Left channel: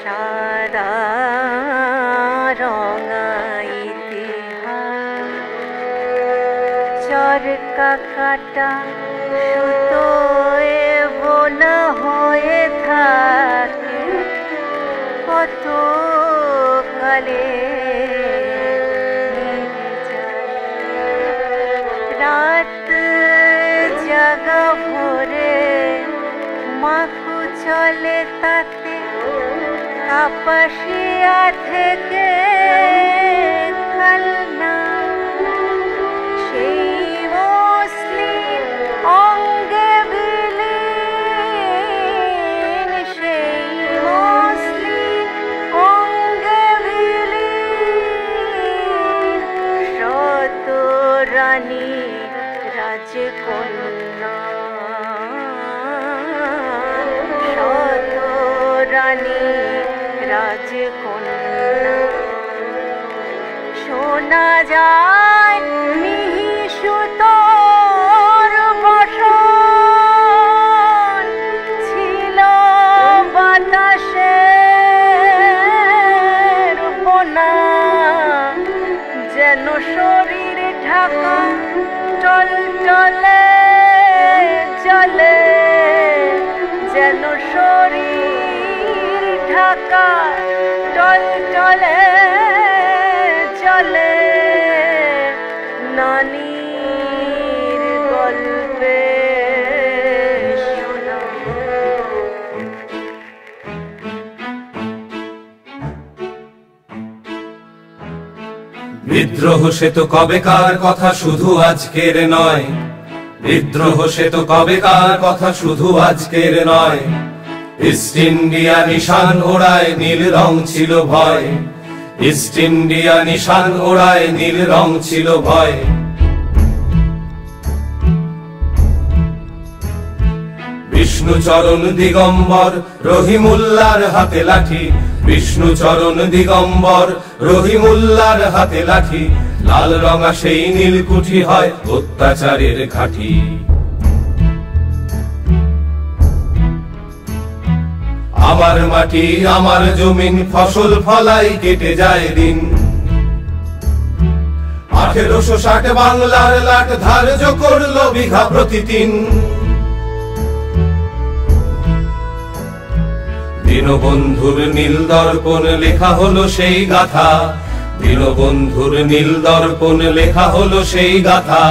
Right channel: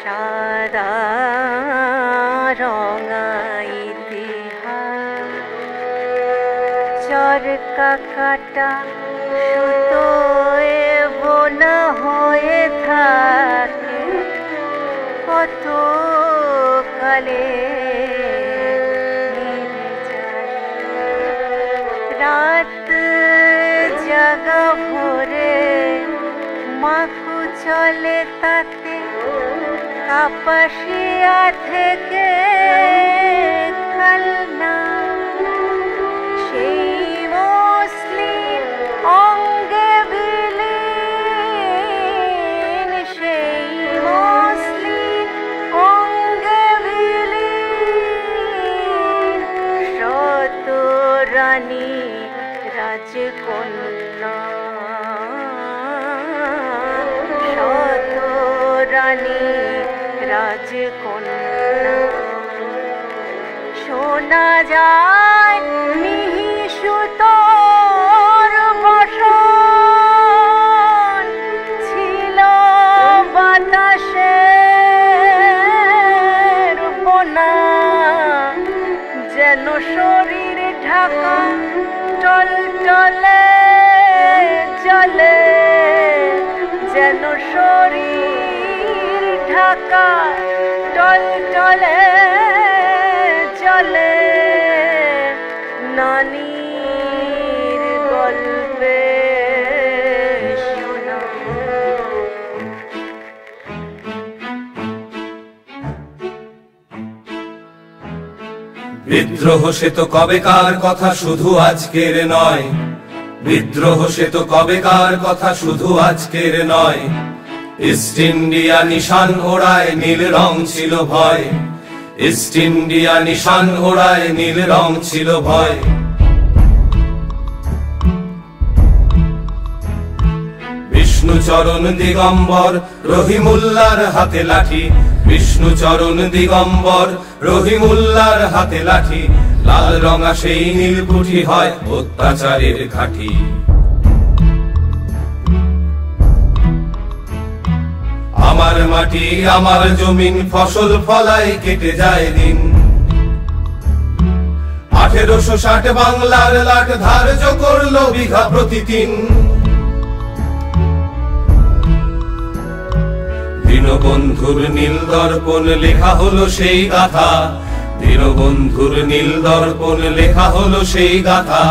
সাদা রঙা ইতিহাস চরকা কাটা সুতোয় বোনা হয়ে থাকে কত কালে রাত জাগা ভোরে মাকু চলে তাতে কাপাসিয়া থেকে কালনা সেই মসলিন অঙ্গে বিলীন সেই মসলিন অঙ্গে বিলীন শত রানী রাজকন্যা শত রানী রাজকন্যা শোনা যায় মিহি সুতোর বসন ছিল বাতাসের বোনা যেন শরীর ঢাকা টলটলে জলে যেন শরীর ঢাকা টলটলে জলে নানির গল্পে শোনা বিদ্রোহ সে তো কবেকার কথা শুধু আজকের নয় বিদ্রোহ সে তো কবেকার কথা শুধু আজকের নয় ইস্ট ইন্ডিয়া নিশান ওড়ায় নীল রং ছিল ভয় ইস্ট ইন্ডিয়া নিশান ওড়ায় নীল রং ছিল ভয় বিষ্ণু চরণ দিগম্বর রহিমুল্লার হাতে লাঠি বিষ্ণু চরণ দিগম্বর রহিমুল্লার হাতে লাঠি লাল রঙা সেই নীলকুঠি হয় অত্যাচারের ঘাঁটি আমার মাটি আমার জমিন ফসল ফলাই কেটে যায় দিন 1860 বাংলার লাট ধার্য করলো বিঘা প্রতিদিন দীনবন্ধুর নীল দর্পণ লেখা হলো সেই গাথা দীনবন্ধুর নীল দর্পণ লেখা হলো সেই গাথা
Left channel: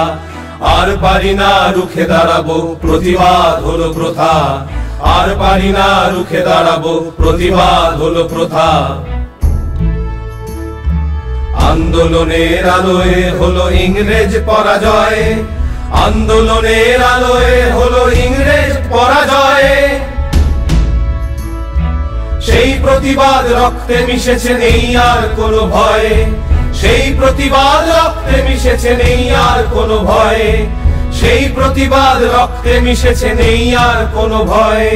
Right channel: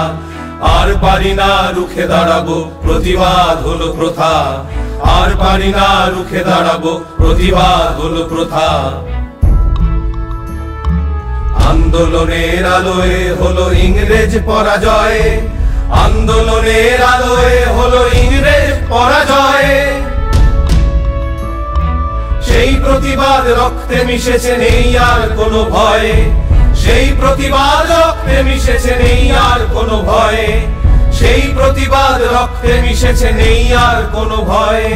আর পারি না রুখে দাঁড়াবো প্রতিবাদ হলো প্রথা আর পারি না রুখে দাঁড়াবো প্রতিবাদ হলো প্রথা আন্দোলনের আলোয় হলো ইংরেজ পরাজয় আন্দোলনের আলোয় হলো ইংরেজ পরাজয় সেই প্রতিবাদ রক্তে মিশেছে নেই আর কোনো ভয় সেই প্রতিবাদ রক্তে মিশেছে নেই আর কোনো ভয় সেই প্রতিবাদ রক্তে মিশেছে নেই আর কোনো ভয়